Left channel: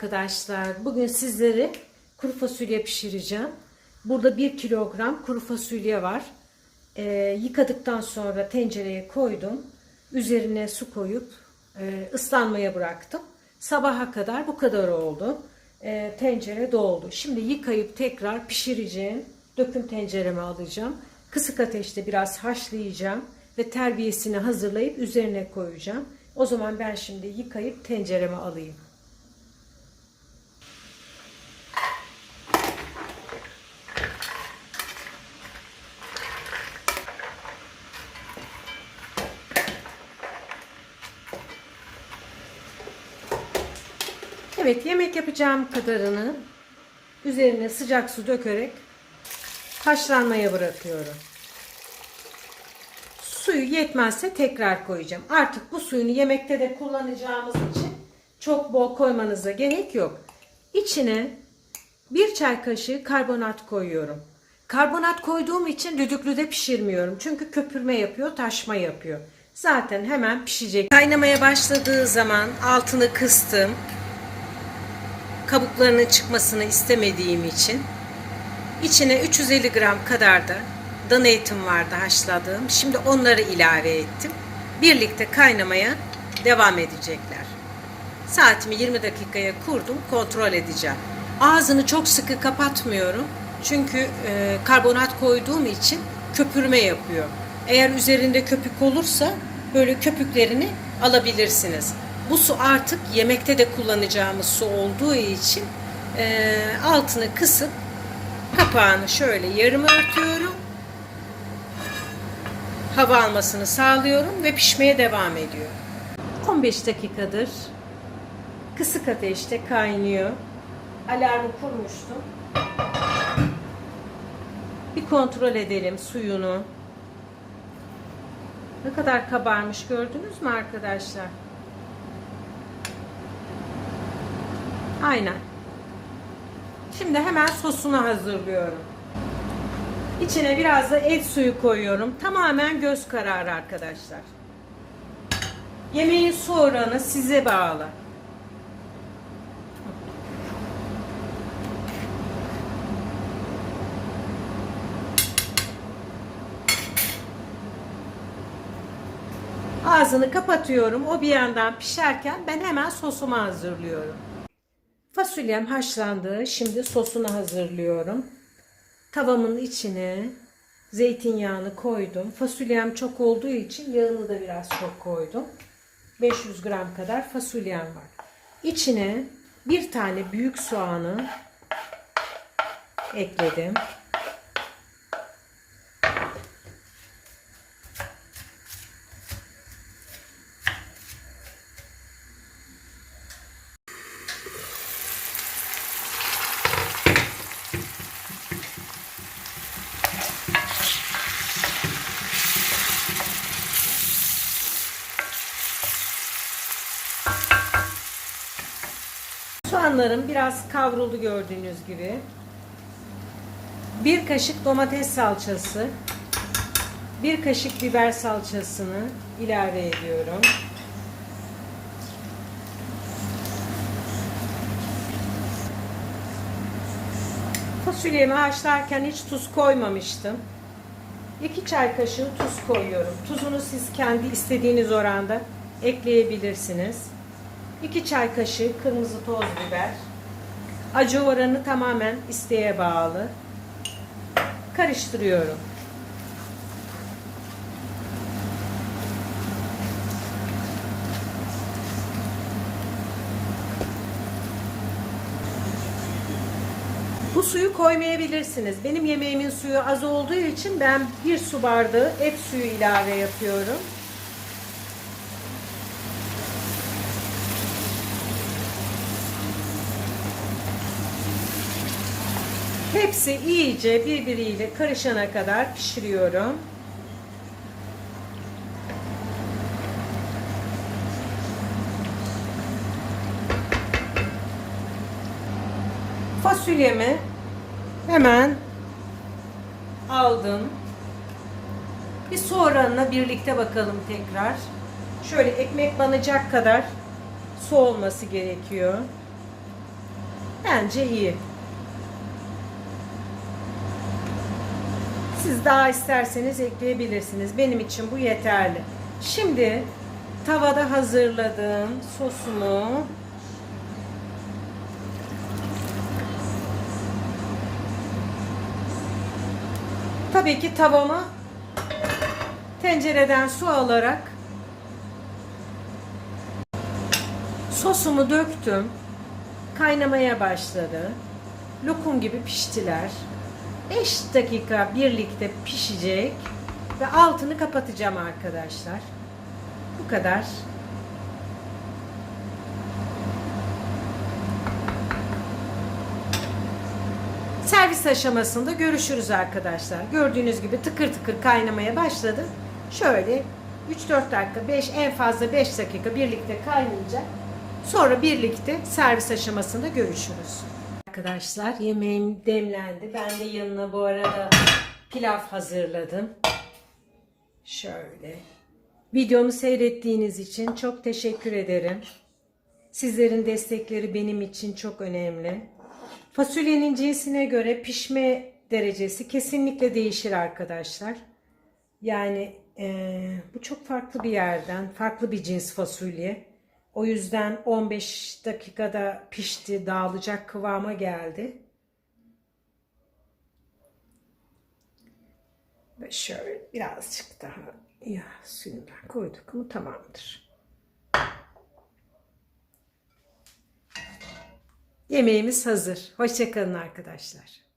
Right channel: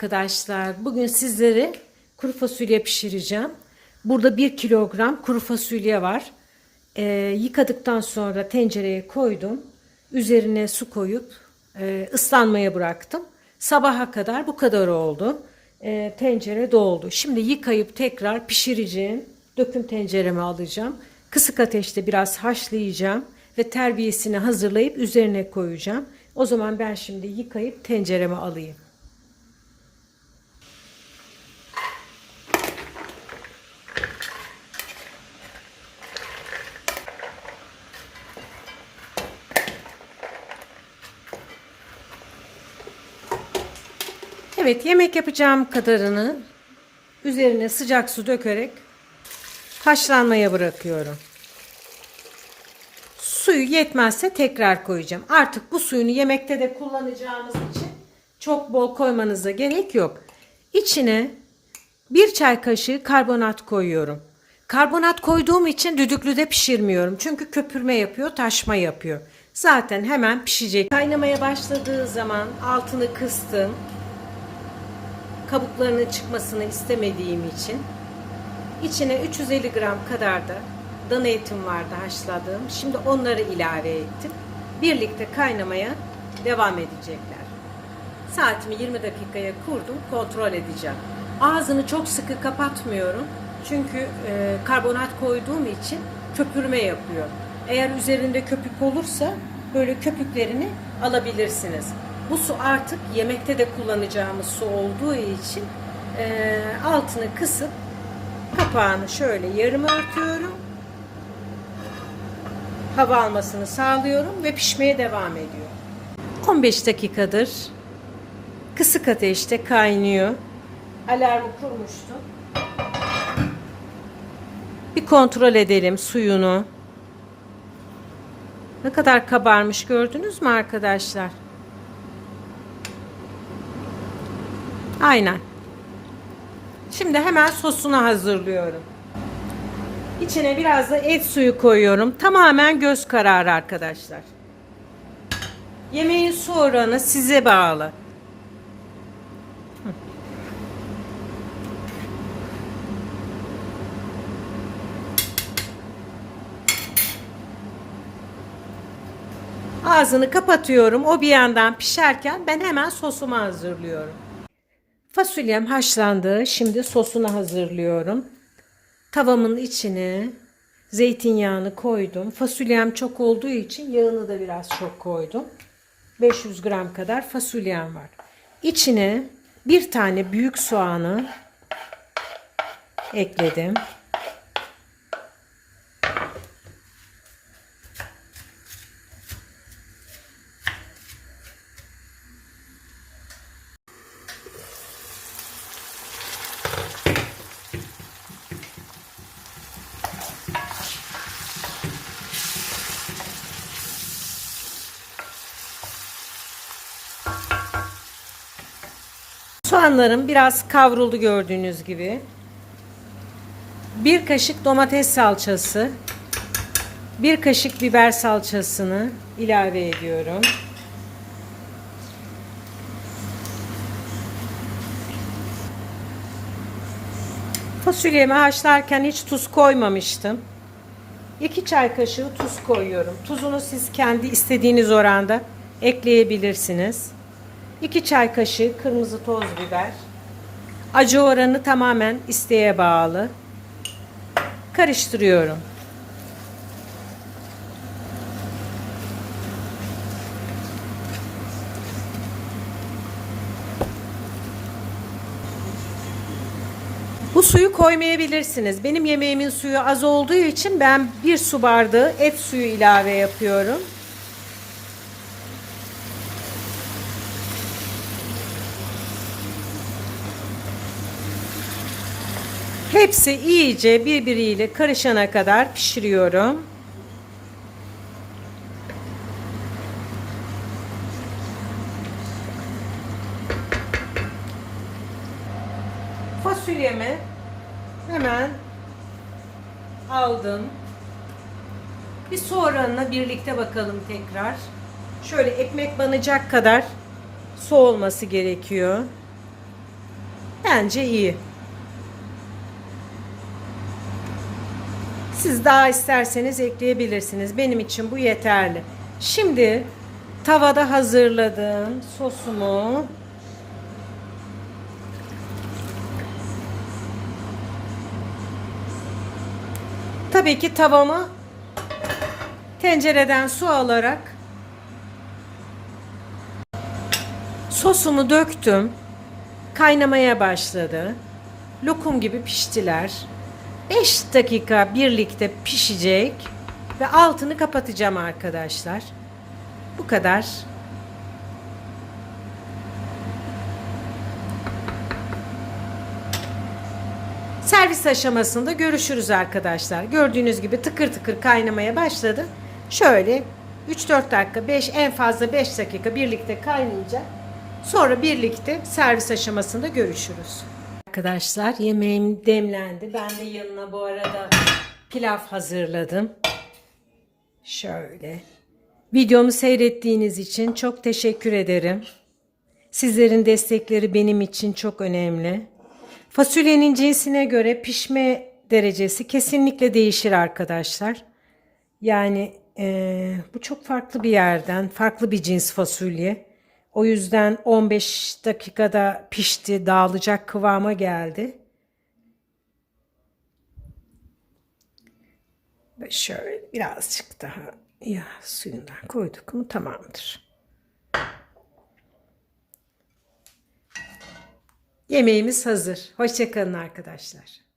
Arkadaşlar bugün sizlere kuru fasulye pişireceğim. Burada 1 kilogram kuru fasulye var. Ee, yıkadıktan sonra tencereye koydum. Üzerine su koyup e, ıslanmaya bıraktım. Sabaha kadar bu kadar oldu. Ee, tencere doldu. Şimdi yıkayıp tekrar pişireceğim. Döküm tencereme alacağım. Kısık ateşte biraz haşlayacağım ve terbiyesini hazırlayıp üzerine koyacağım. O zaman ben şimdi yıkayıp tencereme alayım. Evet yemek yapacağım kadarını üzerine sıcak su dökerek haşlanmaya bırakıyorum. Suyu yetmezse tekrar koyacağım. Artık bu suyunu yemekte de kullanacağımız için çok bol koymanıza gerek yok. İçine bir çay kaşığı karbonat koyuyorum. Karbonat koyduğum için düdüklüde pişirmiyorum. Çünkü köpürme yapıyor, taşma yapıyor. Zaten hemen pişecek. Kaynamaya başladığı zaman altını kıstım kabuklarının çıkmasını istemediğim için içine 350 gram kadar da dana etim vardı haşladığım. Şimdi onları ilave ettim. Birlikte kaynamaya devam edecekler. Saatimi 20 dakikaya kurdum. Kontrol edeceğim. Ağzını çok sıkı kapatmıyorum. Çünkü e, karbonat koyduğum için köpürme yapıyor. Eğer üzerinde köpük olursa böyle köpüklerini alabilirsiniz. Bu su artık yemekte de kullanacağımız su olduğu için e, altını kısıp kapağını şöyle yarım örtüyorum. Hava almasını sağlıyorum ve pişmeye devam ediyor. 15 dakikadır kısık ateşte kaynıyor. Alarmı kurmuştum. Bir kontrol edelim suyunu. Ne kadar kabarmış gördünüz mü arkadaşlar? Aynen. Şimdi hemen sosunu hazırlıyorum. İçine biraz da et suyu koyuyorum. Tamamen göz kararı arkadaşlar. Yemeğin su oranı size bağlı. Ağzını kapatıyorum. O bir yandan pişerken ben hemen sosumu hazırlıyorum. Fasulyem haşlandı. Şimdi sosunu hazırlıyorum. Tavamın içine zeytinyağını koydum. Fasulyem çok olduğu için yağını da biraz çok koydum. 500 gram kadar fasulyem var. İçine bir tane büyük soğanı ekledim. Soğanlarım biraz kavruldu gördüğünüz gibi. Bir kaşık domates salçası, bir kaşık biber salçasını ilave ediyorum. Fasulyemi haşlarken hiç tuz koymamıştım. 2 çay kaşığı tuz koyuyorum. Tuzunu siz kendi istediğiniz oranda ekleyebilirsiniz. 2 çay kaşığı kırmızı toz biber. Acı oranı tamamen isteğe bağlı. Karıştırıyorum. Bu suyu koymayabilirsiniz. Benim yemeğimin suyu az olduğu için ben bir su bardağı et suyu ilave yapıyorum. Hepsi iyice birbiriyle karışana kadar pişiriyorum. Fasulyemi hemen aldım. Bir su oranına birlikte bakalım tekrar. Şöyle ekmek banacak kadar su olması gerekiyor. Bence iyi. Siz daha isterseniz ekleyebilirsiniz. Benim için bu yeterli. Şimdi tavada hazırladığım sosumu Tabii ki tavamı tencereden su alarak sosumu döktüm. Kaynamaya başladı. Lokum gibi piştiler. 5 dakika birlikte pişecek ve altını kapatacağım arkadaşlar. Bu kadar. Servis aşamasında görüşürüz arkadaşlar. Gördüğünüz gibi tıkır tıkır kaynamaya başladı. Şöyle 3-4 dakika, 5 en fazla 5 dakika birlikte kaynayacak. Sonra birlikte servis aşamasında görüşürüz. Arkadaşlar yemeğim demlendi. Ben de yanına bu arada pilav hazırladım. Şöyle. Videomu seyrettiğiniz için çok teşekkür ederim. Sizlerin destekleri benim için çok önemli. Fasulyenin cinsine göre pişme derecesi kesinlikle değişir arkadaşlar. Yani eee, bu çok farklı bir yerden, farklı bir cins fasulye. O yüzden 15 dakikada pişti, dağılacak kıvama geldi. Ve şöyle birazcık daha ya suyundan koyduk mu tamamdır. Yemeğimiz hazır. Hoşçakalın arkadaşlar.